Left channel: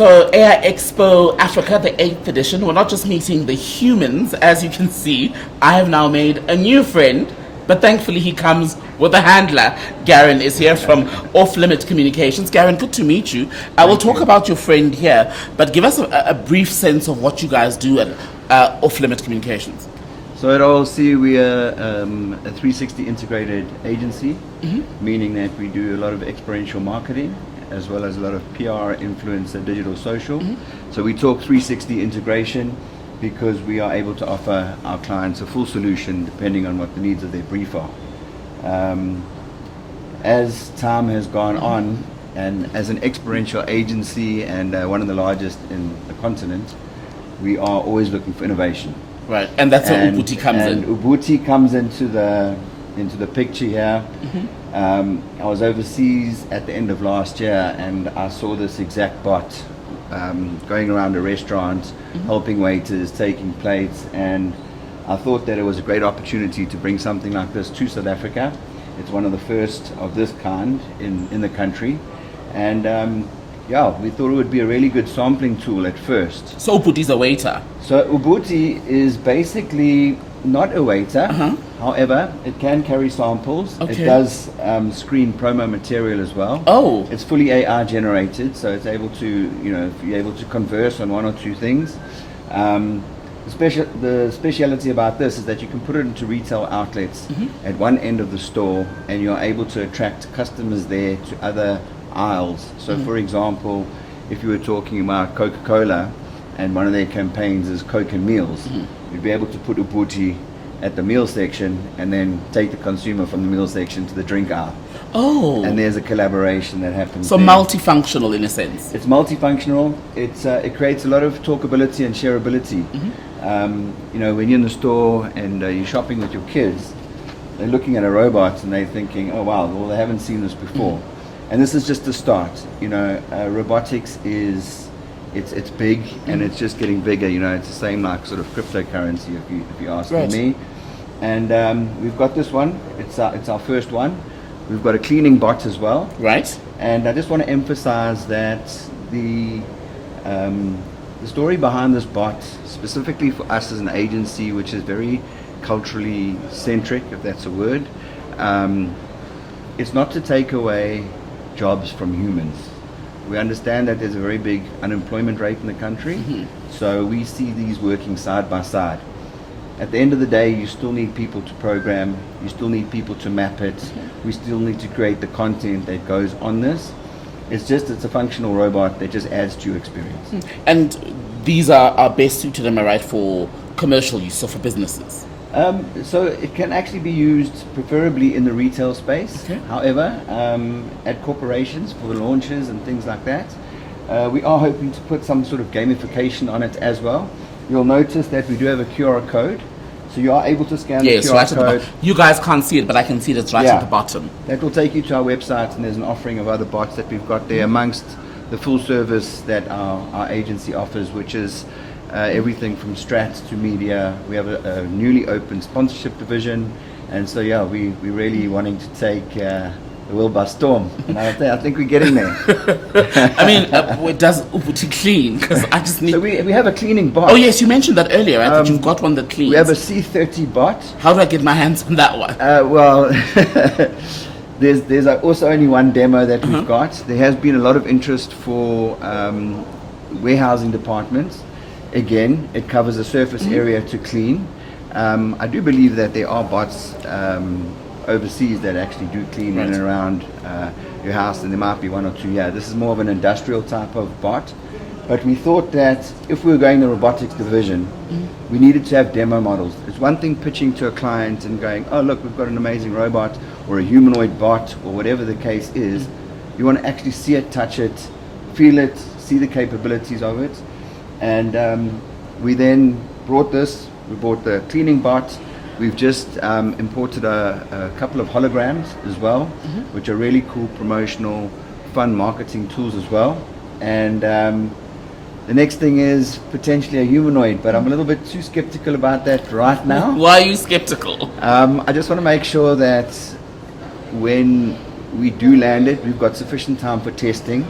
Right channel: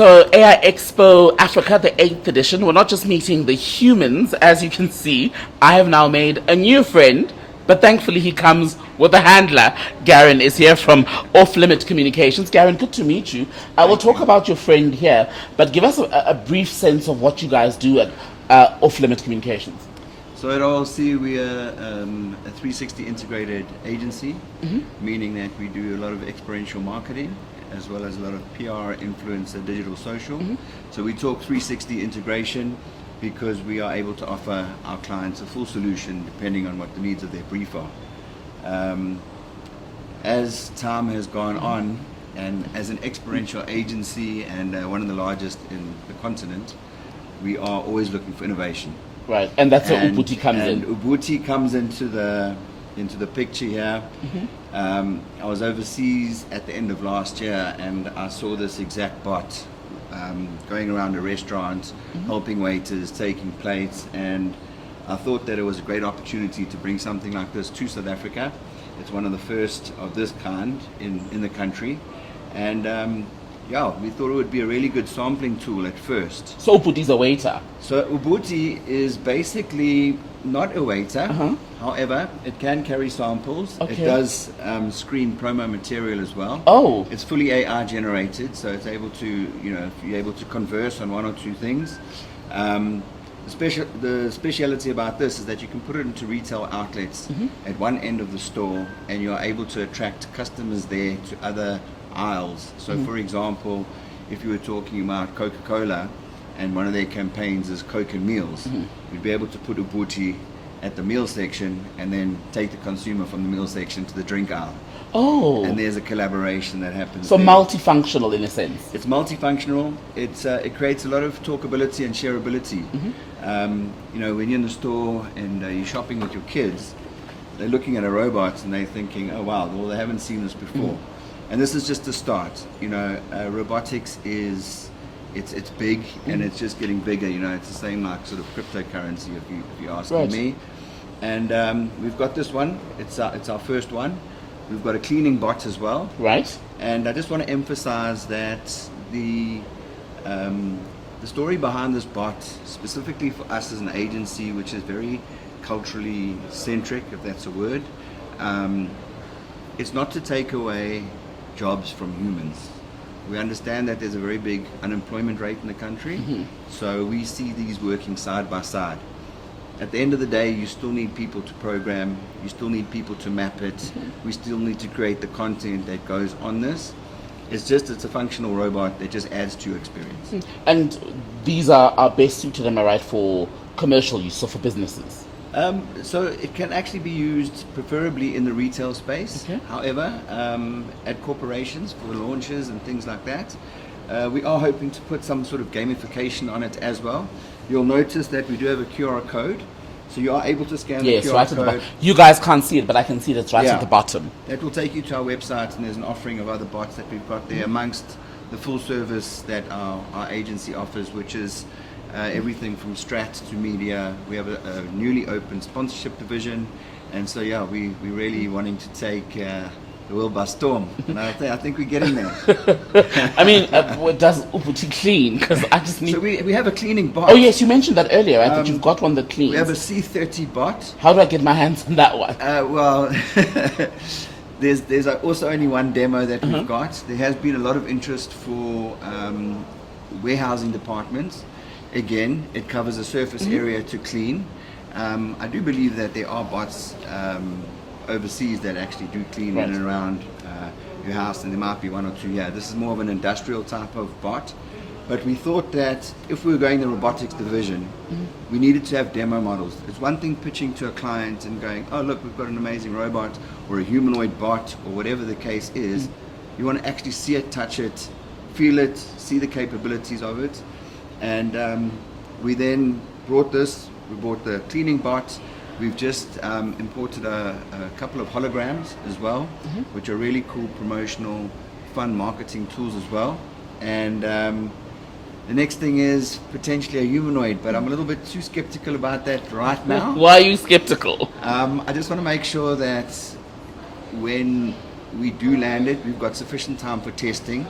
So AI Expo Africa, the 8th edition. We're not just meeting the humans, as you can see. I have now made a new friend, but thankfully he comes with a handler. Garon is here from Offlimit Communications. Garon, good to meet you. I will talk about your friend here, but give us a brief sense of what you guys do at Offlimit Communications. So at OLC we are a 360 integrated agency, meaning that we do a lot of experiential marketing as well as a lot of PR, influence and digital social. So we talk 360 integration because we are able to offer our clients a full solution depending on what the needs of their brief are. As time has gone on, and as an experiential agency and one of the largest in the continent, we are always looking for innovation. Right, and that's where Ubuntu comes in. Ubuntu comes into the picture here. I was overseas at the end of last year and I saw this exact bot going around a restaurant, helping waiters, taking plates, and I thought that it was a great opportunity to bring something like this to South Africa. It's one of the first of this kind in the country, and yeah, we thought it would be a really good sampling tool at first. So Ubuntu is a waiter? So Ubuntu is basically not a waiter. However, it can carry samples. Okay. It does screen promo material as well. Oh. It's fully AI generated, so it's able to, you're able to converse on one or two things. The speciality about this is that you can put it into retail outlets at one end of the store, and you're able to attract customers there to other aisles. So for example, if you were talking about Coca-Cola and one of their campaigns is Coke and Meals, you'd be able to put Ubuntu at the meal section and then take the consumer from the meal section to the drink aisle. Oh. And there's a collaboration that happens. So there. Multifunctional in a sense. It's multifunctional. It creates a lot of talkability and shareability. When you're in the store and you're shopping with your kids, they're looking at a robot and they're thinking, oh wow, well they haven't seen this before. And this is just the start. Robotics is it's big and it's just getting bigger. It's the same like sort of cryptocurrency if you're asking me. And we've got this one. It's our first one. We've got a cleaning bot as well. Right. And I just want to emphasize that the story behind this bot, specifically for us as an agency, which is very culturally centric, if that's a word, it's not to take away jobs from humans. We understand that there's a very big unemployment rate in the country, so we see these working side by side. At the end of the day, you still need people to program, you still need people to map it, we still need to create the content that goes on this. It's a functional robot that just adds to your experience. And these are best suited, am I right, for commercial use, so for businesses? So it can actually be used preferably in the retail space. Okay. However, at corporations for launches and things like that, we are hoping to put some sort of gamification on it as well. You'll notice that we do have a QR code, so you are able to scan the QR right code. You guys can't see it, but I can see it's right at the bottom. That will take you to our website, and there's an offering of other bots that we've got there amongst the full service that our agency offers, which is everything from strat to media. We have a newly opened sponsorship division, and so we're really wanting to take the world by storm. And I think we're getting there. I mean, it does Ubuntu clean? Because I just need. So we have a cleaning bot. Oh yes, you mentioned that earlier. Right? That you've got one that cleans. We have a C30 bot. How do I get my hands on that one? Well, there's also only one demo that we've got. There has been a lot of interest for warehousing departments. Again, it covers a surface area to clean. I do believe that there are bots overseas that actually do clean in and around your house, and there might be one or two here. This is more of an industrial type of bot, but we thought that if we were going the robotics division, we needed to have demo models. It's one thing pitching to a client and going, oh look, we've got an amazing robot or a humanoid bot or whatever the case is. You want to actually see it, touch it, feel it, see the capabilities of it. And we then brought this. We bought the cleaning bot. We've just imported a couple of holograms as well, which are really cool promotional, fun marketing tools as well. And the next thing is potentially a humanoid, but I'm a little bit too skeptical about that right now. Why are you skeptical? I just want to make sure that when we do land it, we've got sufficient time for testing.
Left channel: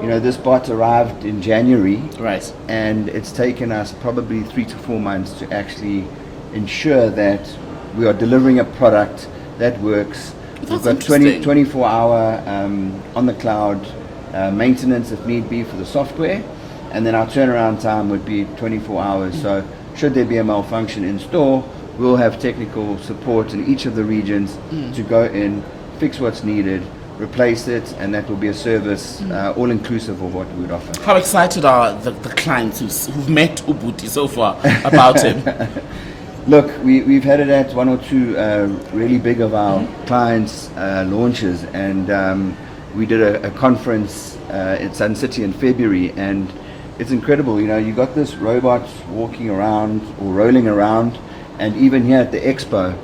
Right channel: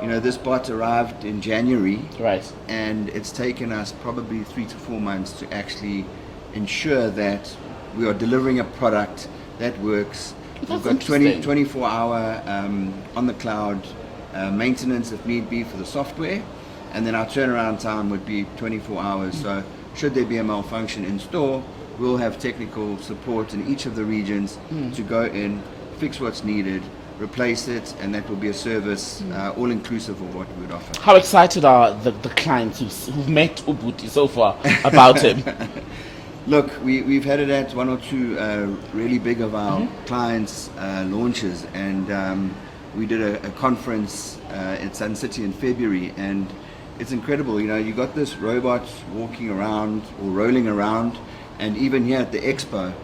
This bot arrived in January, Right. and it's taken us probably 3 to 4 months to actually ensure that we are delivering a product that works. That's We've got interesting. 24-hour on the cloud maintenance if need be for the software, and then our turnaround time would be 24 hours. So should there be a malfunction in store, we'll have technical support in each of the regions to go in, fix what's needed, replace it, and that will be a service all inclusive of what we would offer. How excited are the clients who've met Ubuti so far about him? Look, we've had it at 1 or 2 really big of our clients' launches, and we did a conference at Sun City in February, and it's incredible. You got this robot walking around or rolling around, and even here at the Expo,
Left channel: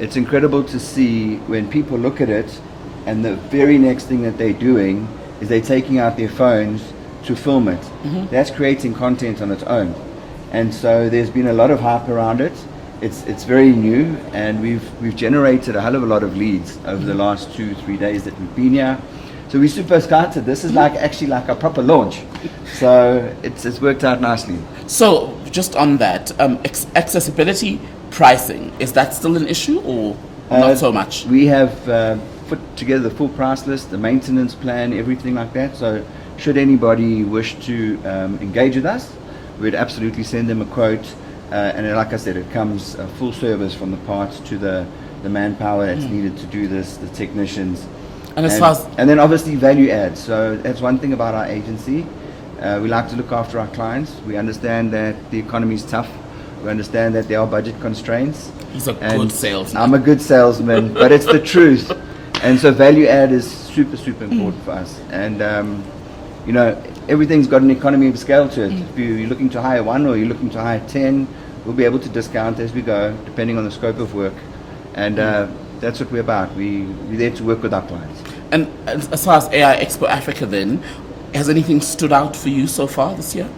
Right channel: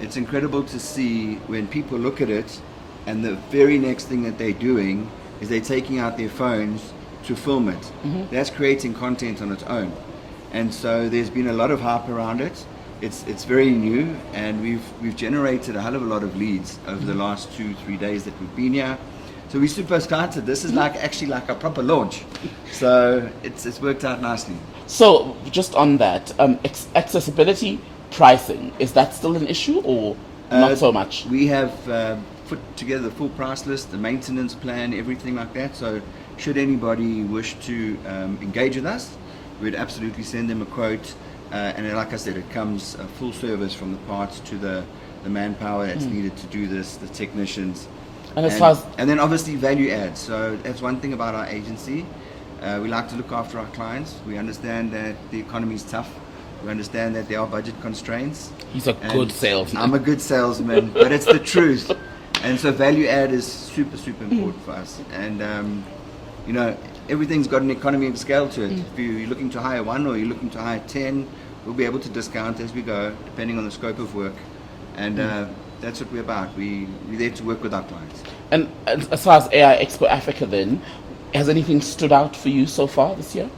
it's incredible to see when people look at it, and the very next thing that they're doing is they're taking out their phones to film it. That's creating content on its own. And so there's been a lot of hype around it. It's very new, and we've generated a hell of a lot of leads over the last 2-3 days that we've been here. So we're super excited. This is actually like a proper launch. So it's worked out nicely. So just on that, accessibility, pricing, is that still an issue or not so much? We have put together the full price list, the maintenance plan, everything like that. So should anybody wish to engage with us, we'd absolutely send them a quote. And like I said, it comes full service from the parts to the manpower that's needed to do this, the technicians. And then obviously value add. So that's one thing about our agency. We like to look after our clients. We understand that the economy is tough. We understand that there are budget constraints. He's a good salesman. I'm a good salesman, but it's the truth. And so value add is super, super important for us. And everything's got an economy of scale to it. If you're looking to hire 1 or you're looking to hire 10, we'll be able to discount as we go, depending on the scope of work. And that's what we're about. We're there to work with our clients. And as far as AI Expo Africa then, has anything stood out for you so far this year?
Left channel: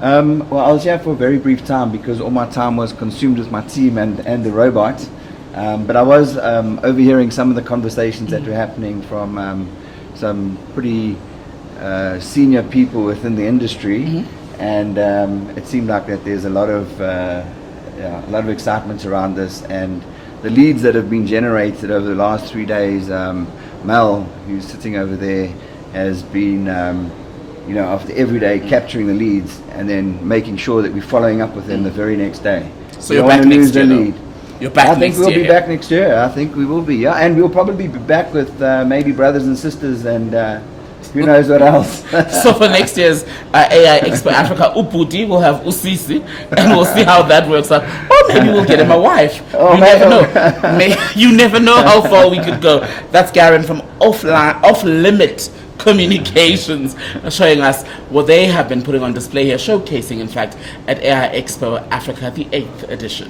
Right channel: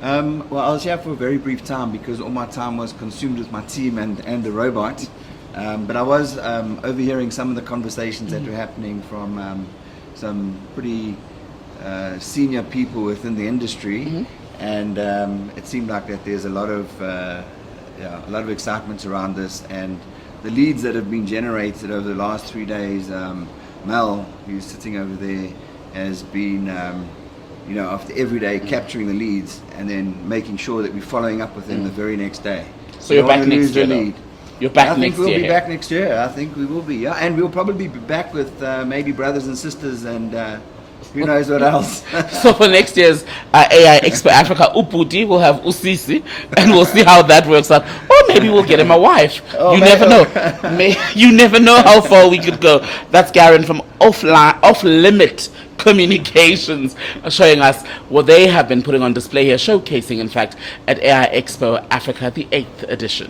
Well, I was here for a very brief time because all my time was consumed with my team and the robot. But I was overhearing some of the conversations that were happening from some pretty senior people within the industry, and it seemed like that there's a lot of excitement around this, and the leads that have been generated over the last 3 days. Mel, who's sitting over there, has been after every day capturing the leads and then making sure that we're following up with them the very next day. So you're back next year, though? You're back I think next we'll year. be back next year. I think we will be, yeah. And we'll probably be back with maybe brothers and sisters and who knows what else. So for next year's AI Expo Africa, Uputi will have Usisi, and we'll see how that works out. Or maybe we'll get him a wife. Oh, you never know. You never know how far we could go. That's Garon from Offlimit Communications showing us what they have been putting on display here, showcasing, in fact, at AI Expo Africa, the 8th edition.